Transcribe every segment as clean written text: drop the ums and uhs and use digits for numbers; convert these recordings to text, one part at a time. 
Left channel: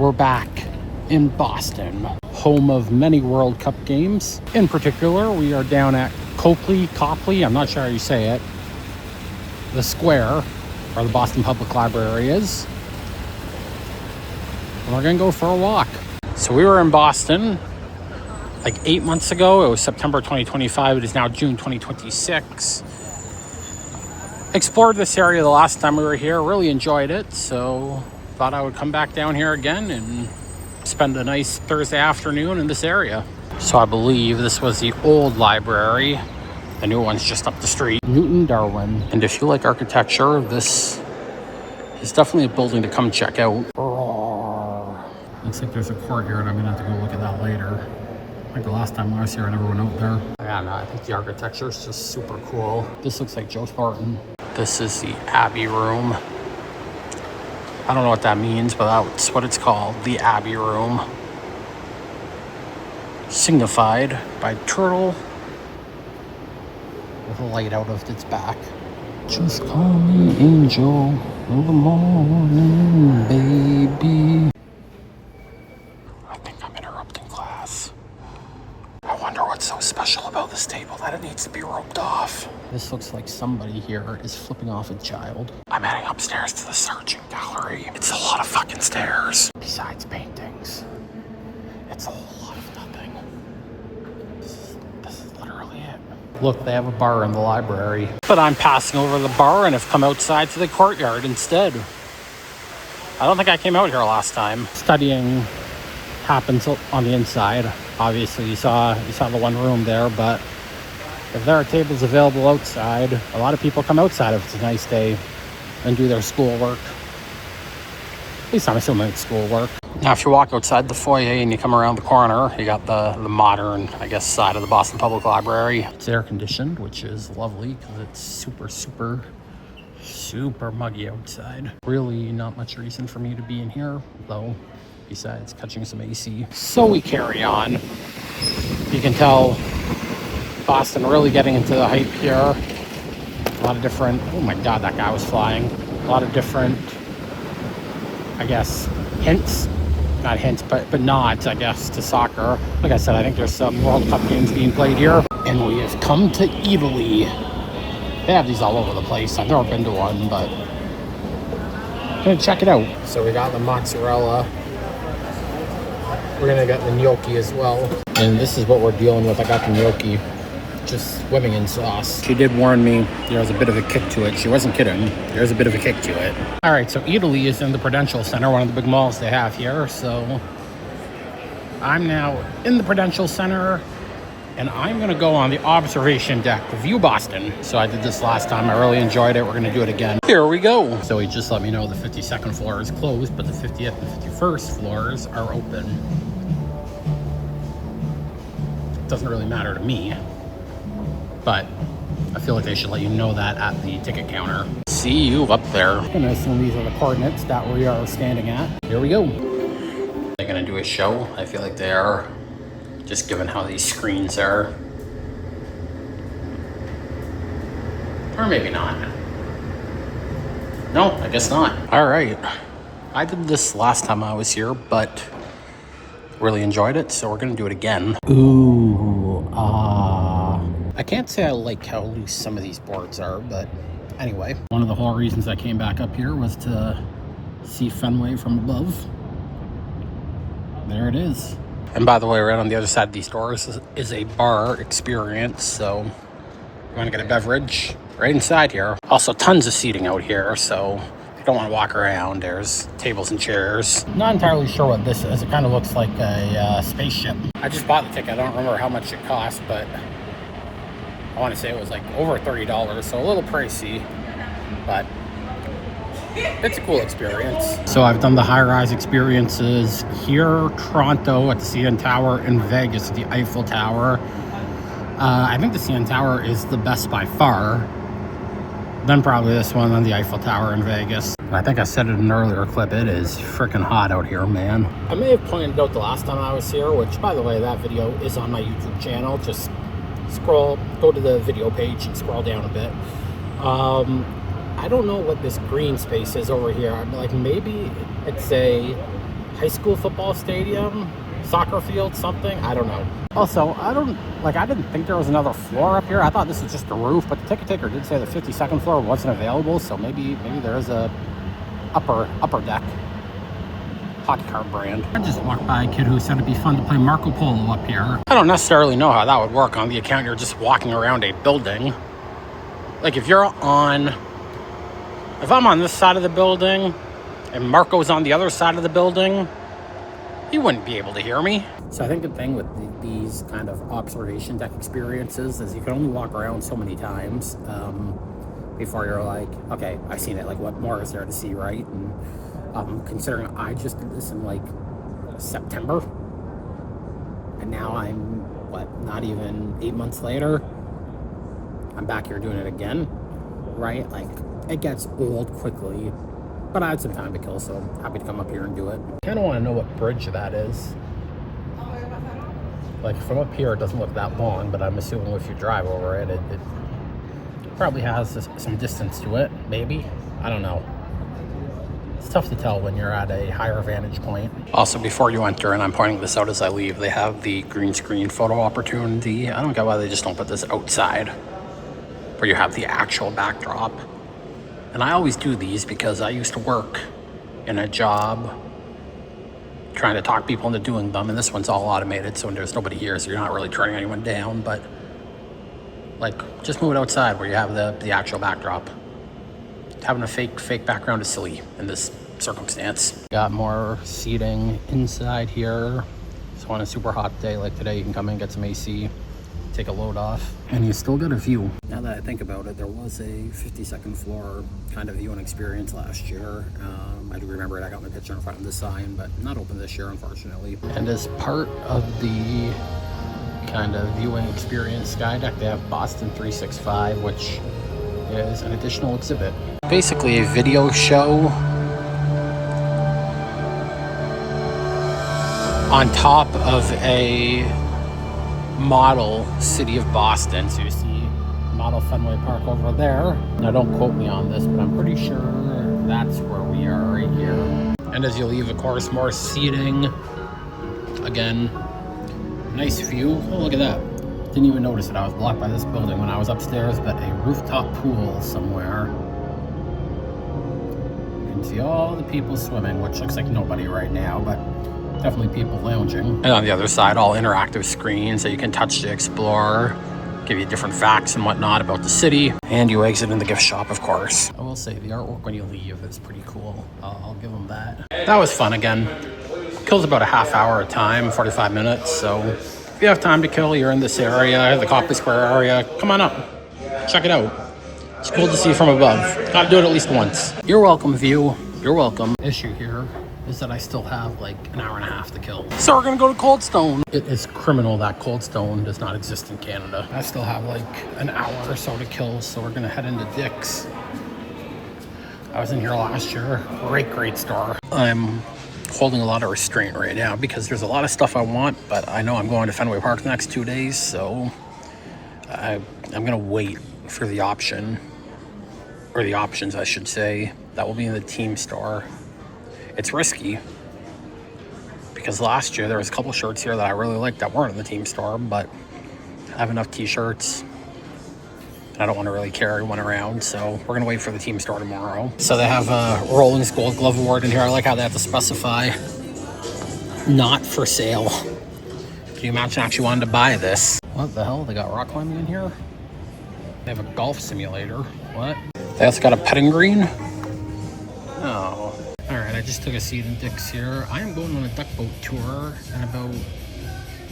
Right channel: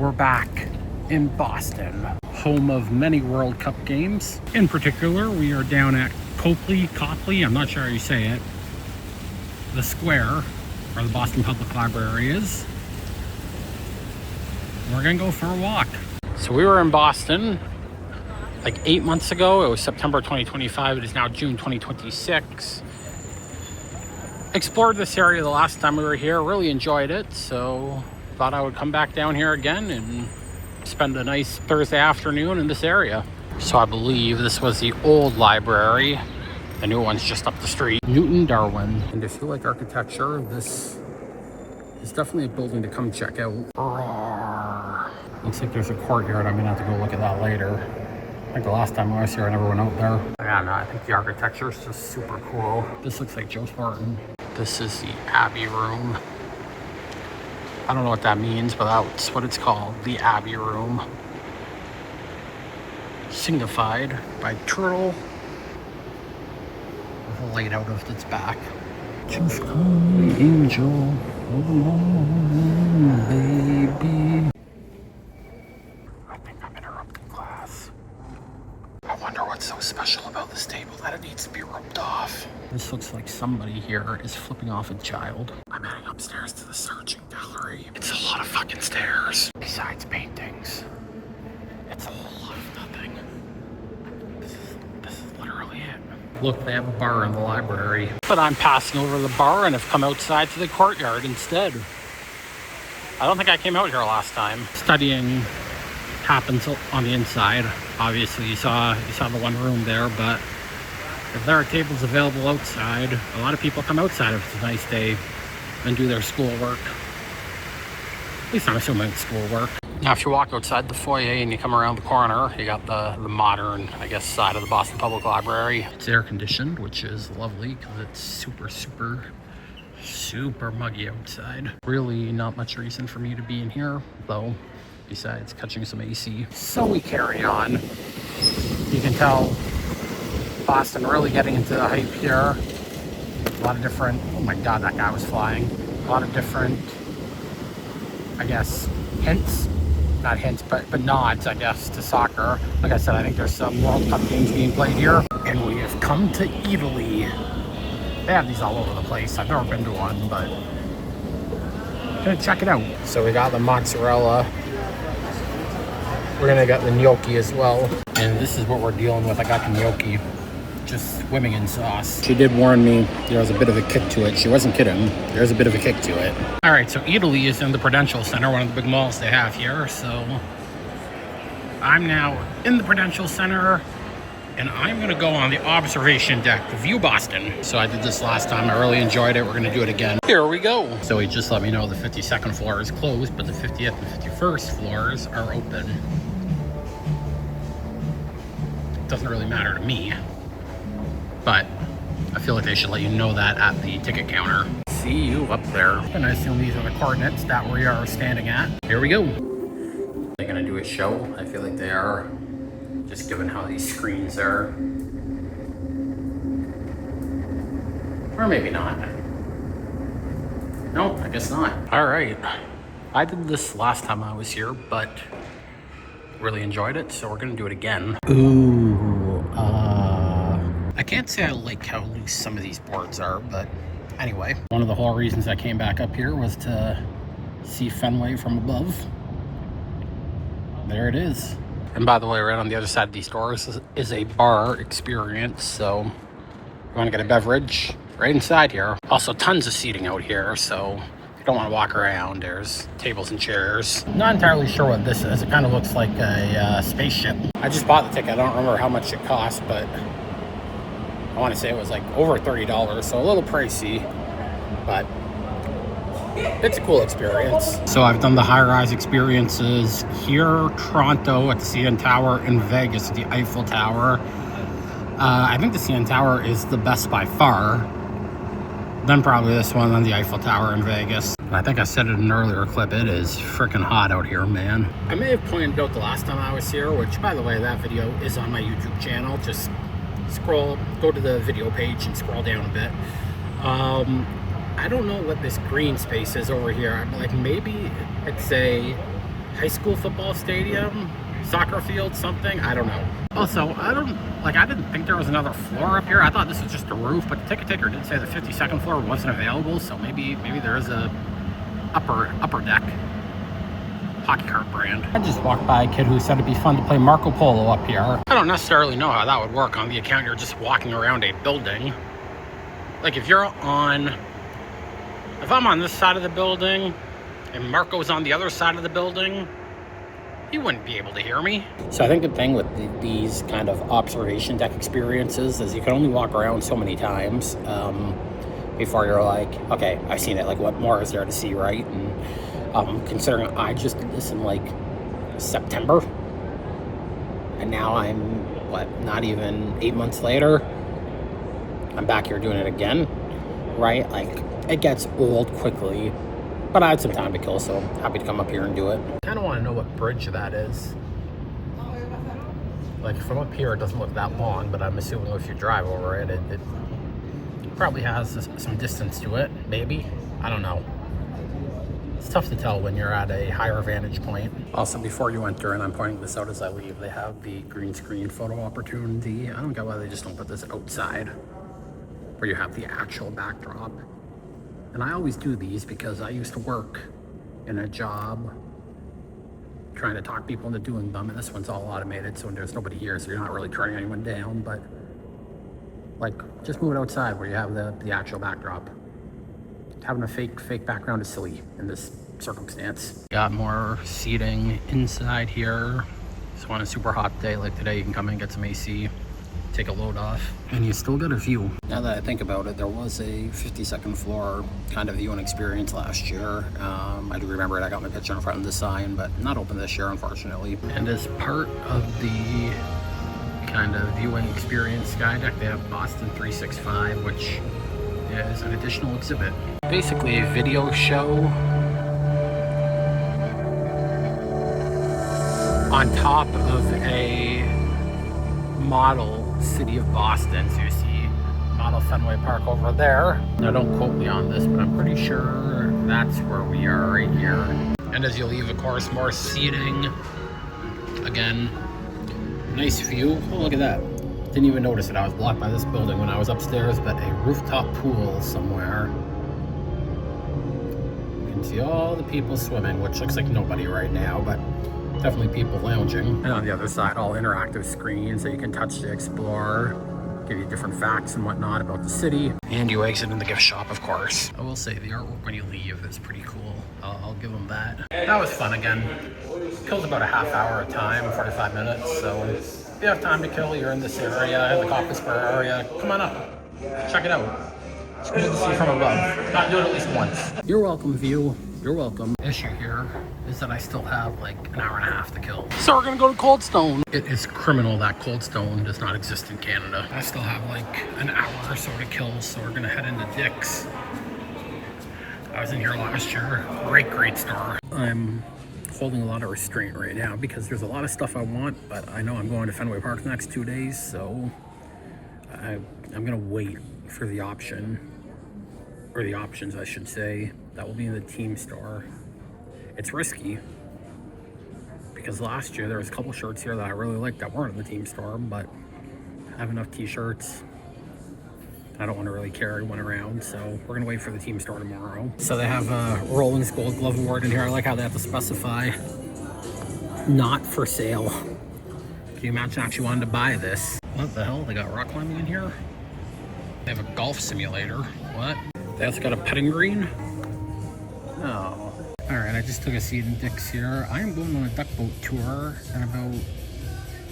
We're back in Boston, home of many World Cup games. In particular, we are down at Copley, I'm not sure how you say it, the square where the Boston Public Library is. And we're gonna go for a walk. So we were in Boston like 8 months ago. It was September 2025. It is now June 2026. Explored this area the last time we were here, really enjoyed it, so thought I would come back down here again and spend a nice Thursday afternoon in this area. So I believe this was the old library. The new one's just up the street. Newton Darwin. And if you like architecture, this is definitely a building to come check out. Looks like there's a courtyard. I'm gonna have to go look at that later. I think the last time I was here, I never went out there. Yeah, no, I think the architecture is just super cool. This looks like Joe Spartan. This is the Abbey Room. I don't know what that means, but that's what it's called, the Abbey Room. Signified by turtle with a light out of its back. Just call me angel of the morning, baby. I think I'm interrupting class. I wonder what's so special about this table that it needs to be roped off. This looks like somebody here is flipping off a child. I'm heading upstairs to the searching gallery. It's a lot of fucking stairs. Besides paintings, it's a whole lot of nothing. This is literally it. Look, they have a bar in the library. But I'm passing over the bar and have come outside to the courtyard instead. I don't think I came out here last time. Studying happens on the inside. Obviously you saw the one room there, but if there are tables available outside, a lot of people come outside if it's a nice day and do their schoolwork. At least I'm assuming it's schoolwork. Now if you walk outside the foyer and you come around the corner, you got the modern, I guess, side of the Boston Public Library. It's air conditioned, which is lovely because it's super muggy outside. Really not much reason for me to be in here though, besides catching some AC. So we carry on. You can tell Boston really getting into the hype here. A lot of different, oh my god, that guy was flying. A lot of different, I guess, hints. Not hints, but nods, I guess, to soccer. Like I said, I think there's some World Cup games being played here. And we have come to Italy. They have these all over the place. I've never been to one, but I'm gonna check it out. So we got the mozzarella. We're gonna get the gnocchi as well. And this is what we're dealing with. I got the gnocchi just swimming in sauce. She did warn me there was a bit of a kick to it. She wasn't kidding. There's a bit of a kick to it. All right, so Italy is in the Prudential Center, one of the big malls they have here. So I'm now in the Prudential Center and I'm gonna go on the observation deck to view Boston. So I did this last time. I really enjoyed it. We're gonna do it again. Here we go. So he just let me know the 52nd floor is closed, but the 50th and 51st floors are open. Doesn't really matter to me, but I feel like they should let you know that at the ticket counter. See you up there. I'm gonna assume these are the coordinates that we are standing at. Here we go. They're gonna do a show. I feel like they are, just given how these screens are. Or maybe not. No, I guess not. All right. I did this last time I was here, but really enjoyed it, so we're gonna do it again. Ooh, I can't say I like how loose some of these boards are, but anyway. One of the whole reasons I came back up here was to see Fenway from above. There it is. And by the way, right on the other side of these doors is a bar experience, so if you wanna get a beverage, right inside here. Also tons of seating out here, so if you don't want to walk around, there's tables and chairs. Not entirely sure what this is. It kind of looks like a spaceship. I just bought the ticket. I don't remember how much it cost, but I want to say it was like over $30, so a little pricey, but it's a cool experience. So I've done the high-rise experiences here, Toronto at the CN Tower, in Vegas at the Eiffel Tower. I think the CN Tower is the best by far. Then probably this one on the Eiffel Tower in Vegas. I think I said it in an earlier clip, it is freaking hot out here, man. I may have pointed out the last time I was here, which, by the way, that video is on my YouTube channel. Just go to the video page and scroll down a bit. I don't know what this green space is over here. Like, maybe it's a high school football stadium, soccer field, something. I don't know. Also, I didn't think there was another floor up here. I thought this was just a roof, but the ticket taker did say the 52nd floor wasn't available, so maybe there is a upper deck. Hockey card brand. I just walked by a kid who said it'd be fun to play Marco Polo up here. I don't necessarily know how that would work on the account. You're just walking around a building. Like if I'm on this side of the building and Marco's on the other side of the building, he wouldn't be able to hear me. So I think the thing with these kind of observation deck experiences is you can only walk around so many times before you're like, okay, I've seen it. Like, what more is there to see, right? And considering I just did this in like September, and now I'm not even 8 months later, I'm back here doing it again, right? Like, it gets old quickly. But I had some time to kill, so happy to come up here and do it. I kind of want to know what bridge that is. Like from up here, it doesn't look that long, but I'm assuming if you drive over it, it probably has some distance to it, maybe. I don't know. It's tough to tell when you're at a higher vantage point. Also, before you enter, and I'm pointing this out as I leave, they have the green screen photo opportunity. I don't get why they just don't put this outside, where you have the actual backdrop. And I always do these because I used to work in a job trying to talk people into doing them, and this one's all automated, so there's nobody here, so you're not really turning anyone down. But like, just move it outside where you have the actual backdrop. Having a fake background is silly in this circumstance. Got more seating inside here. So on a super hot day like today, you can come in and get some AC. Take a load off, and you still get a view. Now that I think about it, there was a 52nd floor kind of viewing experience last year. I do remember it. I got my picture in front of the sign, but not open this year, unfortunately. And as part of the kind of viewing experience Skydeck, they have Boston 365, which is an additional exhibit. Basically a video show on top of a model city of Boston. So you see model Fenway Park over there. Now don't quote me on this, but I'm pretty sure that's where we are right here. And as you leave, of course, more seating. Again, nice view. Oh, look at that. Didn't even notice that I was blocked by this building when I was upstairs, but a rooftop pool somewhere. You can see all the people swimming, which looks like nobody right now, but definitely people lounging. And on the other side, all interactive screens that you can touch to explore, give you different facts and whatnot about the city. And you exit in the gift shop, of course. I will say the artwork when you leave is pretty cool. I'll give them that. That was fun again. Kills about a half hour of time, 45 minutes. So if you have time to kill, you're in this area, the Copley Square area, come on up. Check it out. It's cool to see from above. Got to do it at least once. You're welcome, view. You're welcome. Issue here is that I still have like an hour and a half to kill. So we're gonna go to Cold Stone. It is criminal that Cold Stone does not exist in Canada. I still have like an hour or so to kill, so we're gonna head into Dick's. I was in here last year. Great store. I'm holding a lot of restraint right now because there's a lot of stuff I want, but I know I'm going to Fenway Park the next 2 days, so I'm gonna wait for the option, or the options I should say, that will be in the team store. It's risky because last year there was a couple shirts here that I really liked that weren't in the team store, but I have enough t-shirts. I don't want to really carry one around, so we're gonna wait for the team store tomorrow. So they have a Rollins Gold Glove Award in here. I like how they have to specify not for sale. Can you imagine actually wanting to buy this? What the hell? They got rock climbing in here? They have a golf simulator. What? They also got a putting green? No. All right, I just took a seat in Dick's here. I am going on a duck boat tour in about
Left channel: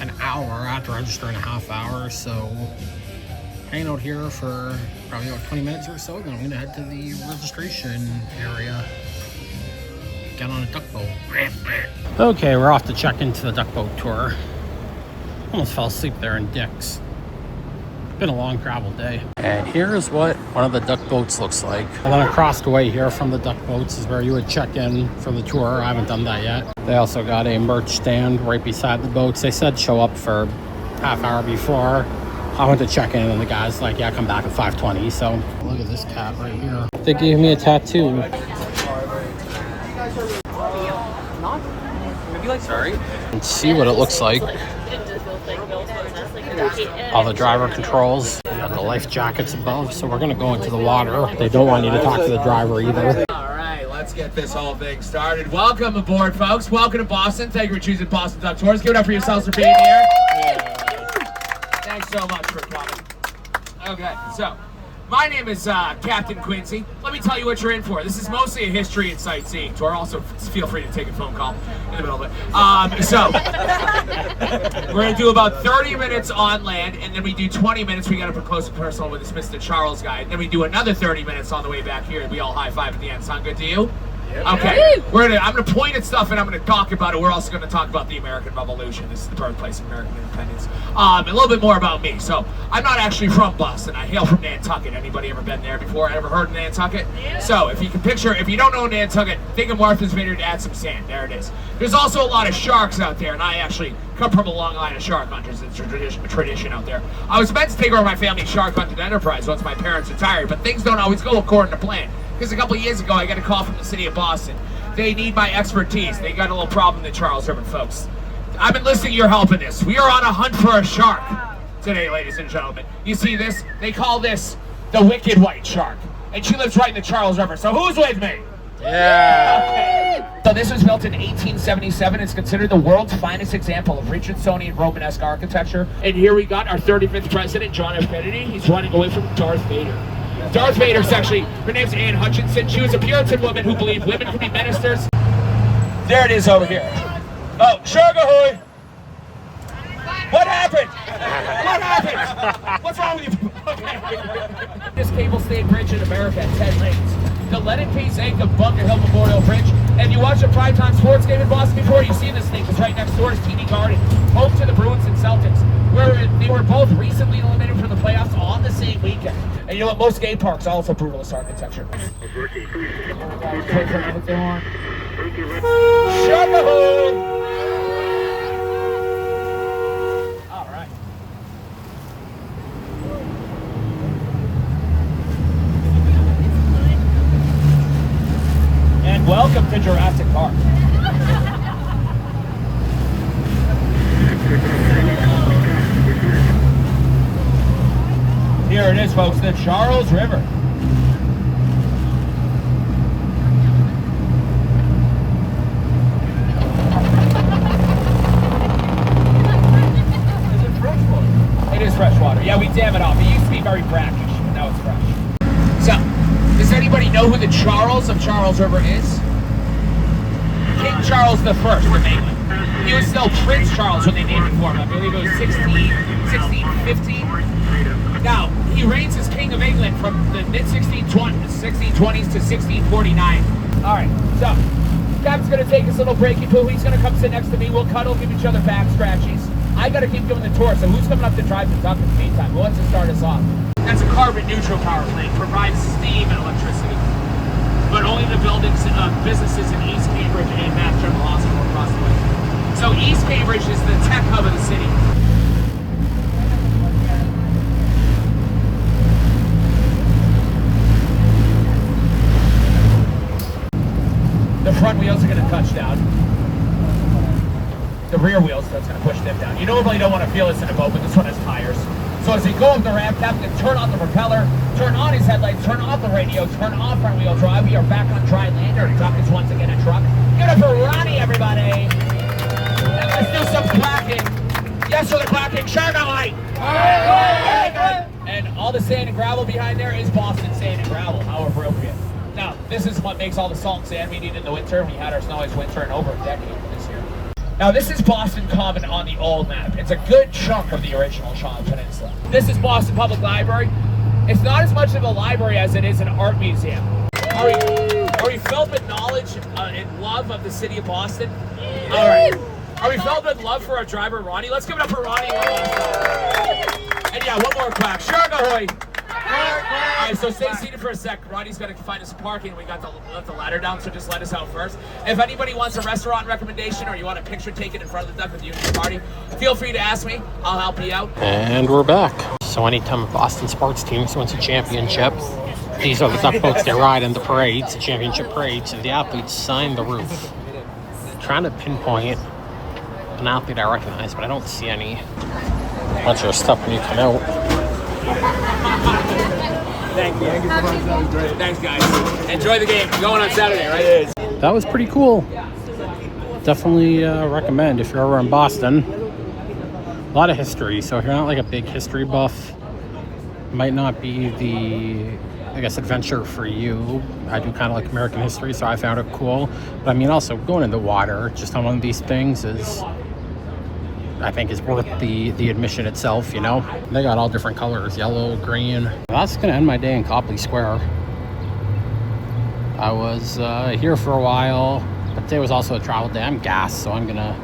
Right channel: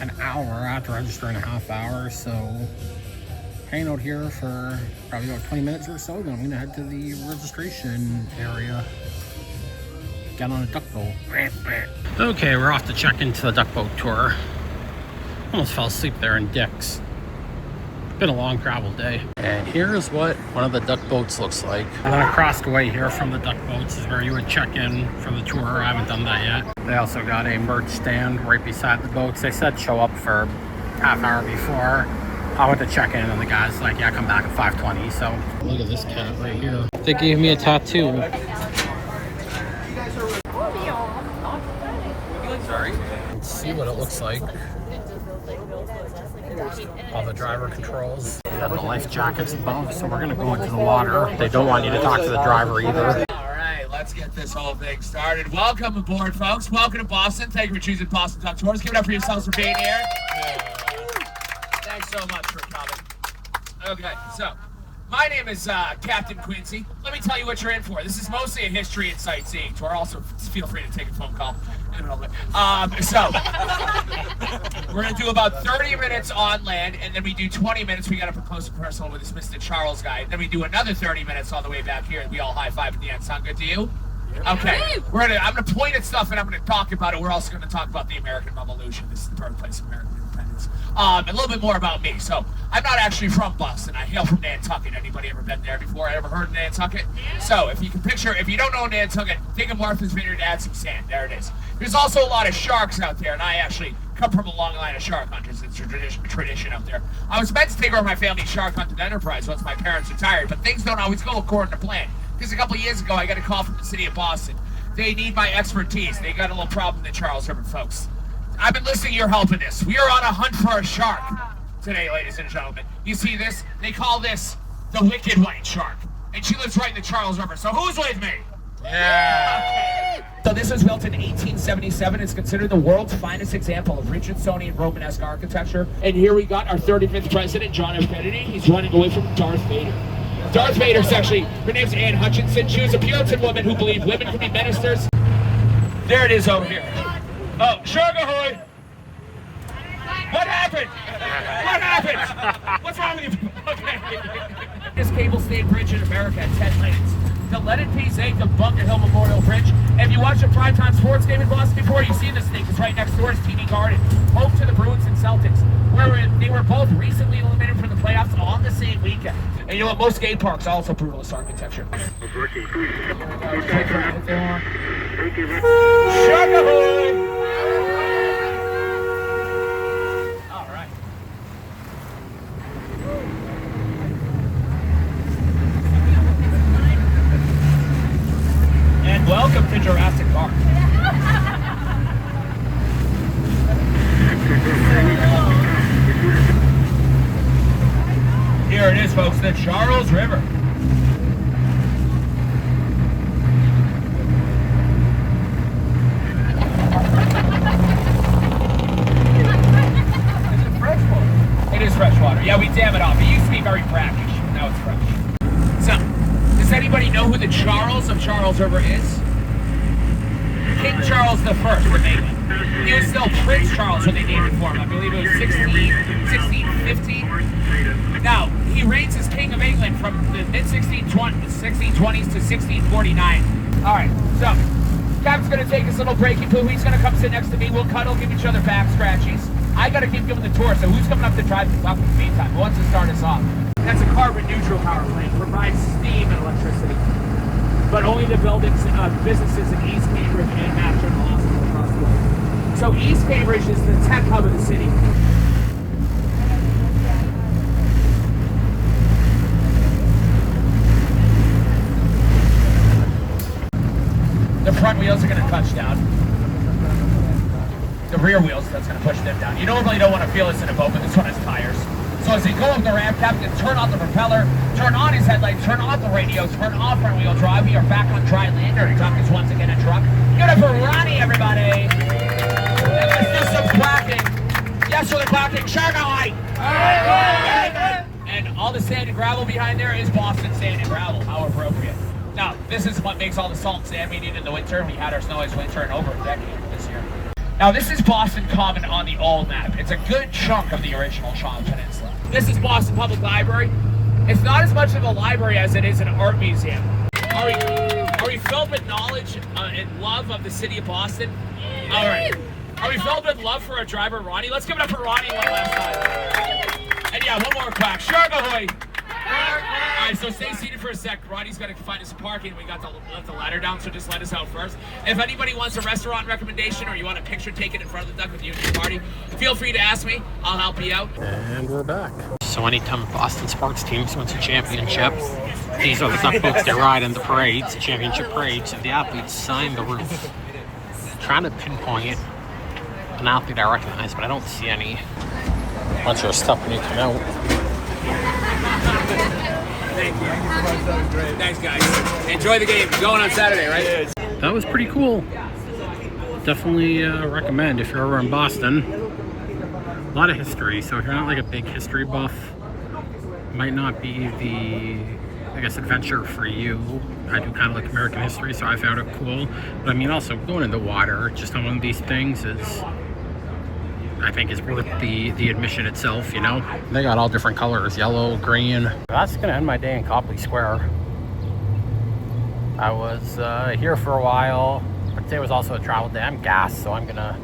an hour. I have to register in a half hour, so hanging out here for probably about 20 minutes or so. Then I'm gonna head to the registration area. Get on a duck boat. Okay, we're off to check into the duck boat tour. Almost fell asleep there in Dick's. Been a long travel day. And here's what one of the duck boats looks like. And then across the way here from the duck boats is where you would check in for the tour. I haven't done that yet. They also got a merch stand right beside the boats. They said show up for half hour before. I went to check in and the guy's like, yeah, come back at 5:20. So look at this cat right here. They gave me a tattoo. Sorry. And see what it looks like. All the driver controls. You got the life jackets above, so we're gonna go into the water. They don't want you to talk to the driver either. All right, let's get this whole thing started. Welcome aboard, folks. Welcome to Boston. Thank you for choosing Boston Duck Tours. Give it up for yourselves for being here. Thanks so much for coming. Okay, so my name is Captain Quincy. Let me tell you what you're in for. This is mostly a history and sightseeing tour. Also, feel free to take a phone call in the middle of it. We're going to do about 30 minutes on land, and then we do 20 minutes. We got up close and personal with this Mr. Charles guy. Then we do another 30 minutes on the way back here, and we all high-five at the end. Sound good to you? Okay, I'm going to point at stuff and I'm going to talk about it. We're also going to talk about the American Revolution. This is the birthplace of American independence. A little bit more about me. So, I'm not actually from Boston. I hail from Nantucket. Anybody ever been there before? Ever heard of Nantucket? Yeah. So, if you can picture, if you don't know Nantucket, think of Martha's Vineyard, add some sand. There it is. There's also a lot of sharks out there, and I actually come from a long line of shark hunters. It's a tradition out there. I was meant to take over my family's shark hunting enterprise once my parents retired, but things don't always go according to plan. Because a couple of years ago, I got a call from the city of Boston. They need my expertise. They got a little problem, the Charles River folks. I've been listening to your help in this. We are on a hunt for a shark today, ladies and gentlemen. You see this? They call this the wicked white shark. And she lives right in the Charles River. So who's with me? Yeah. Okay. So this was built in 1877. It's considered the world's finest example of Richardsonian Romanesque architecture. And here we got our 35th president, John F. Kennedy. He's running away from Darth Vader. Darth Vader's actually, her name's Anne Hutchinson. She was a Puritan woman who believed women could be ministers. There it is over here. Oh, shark ahoy! What happened? What happened? What's wrong with you? Okay. This cable stayed bridge in America at 10 lanes. The Leonard P. Zank of Bunker Hill Memorial Bridge. And you watch a Primetime sports game in Boston before, you've seen this thing. It's right next door is TD Garden, home to the Bruins and Celtics, where they were both recently eliminated from the playoffs on the same weekend. And you know what? Most skate parks are also brutalist architecture. All right. And welcome to Jurassic Park. Here it is, folks, the Charles River. Is it fresh water? It is fresh water. Yeah, we dam it off. It used to be very brackish, but now it's fresh. So, does anybody know who the Charles of Charles River is? King Charles I of England. He was still Prince Charles when they named it for him. I believe it was 1615. Now, he reigns as King of England from the mid-1620s to 1649. All right, so Captain's going to take his little breaky poo. He's going to come sit next to me. We'll cuddle, give each other back scratchies. I got to keep doing the tour, so who's coming up to drive the truck in the meantime? Who wants to start us off? That's a carbon-neutral power plant. Provides steam and electricity. But only the buildings, businesses in East Cambridge and Mass General Hospital across the way. So East Cambridge is the tech hub of the city. The front wheels are going to touch down. The rear wheels, that's going to push them down. You normally don't want to feel this in a boat, but this one has tires. So as you go up the ramp, Captain, turn on the propeller, turn on his headlights, turn off the radio, turn off front wheel drive. We are back on dry land. Our truck is once again a truck. Give it up for Ronnie, everybody. And let's do some clacking. Yes, for the clacking. Shark light. And all the sand and gravel behind there is Boston sand and gravel, how appropriate. Now, this is what makes all the salt and sand we need in the winter. We had our snow ice winter in over a decade this year. Now, this is Boston Common on the old map. It's a good chunk of the original Charles Peninsula. This is Boston Public Library. It's not as much of a library as it is an art museum. Are we filled with knowledge and love of the city of Boston? All right. Are we filled with love for our driver, Ronnie? Let's give it up for Ronnie one last time. And yeah, one more clap. Shark ahoy! All right, so stay seated for a sec. Ronnie's got to find us some parking. We got left the ladder down, so just let us out first. If anybody wants a restaurant recommendation or you want a picture taken in front of the duck with you and your party, feel free to ask me. I'll help you out. And we're back. So anytime a Boston sports team wins a championship, these are the duck boats they ride in the parades, the championship parades, and the athletes sign the roof. trying to pinpoint an athlete I recognize, but I don't see any. Bunch of stuff when you come out. Thank you. Thanks, guys. Enjoy the game. Going on Saturday, right? That was pretty cool. Definitely recommend if you're ever in Boston. A lot of history, so if you're not like a big history buff, might not be the, I guess, adventure for you. I do kind of like American history, so I found it cool. But I mean, also going in the water just on one of these things is, I think, is worth the admission itself, you know? They got all different colors, yellow, green. That's gonna end my day in Copley Square. I was here for a while, but today was also a travel day. I'm gassed, so I'm gonna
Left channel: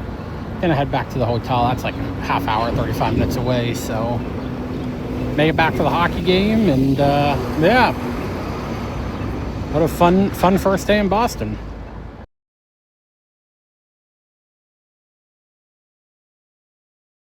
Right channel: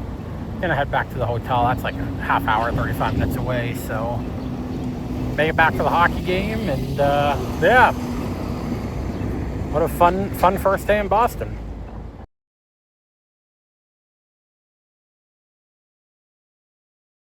head back to the hotel. That's like half hour, 35 minutes away, so make it back to the hockey game, and yeah. What a fun first day in Boston.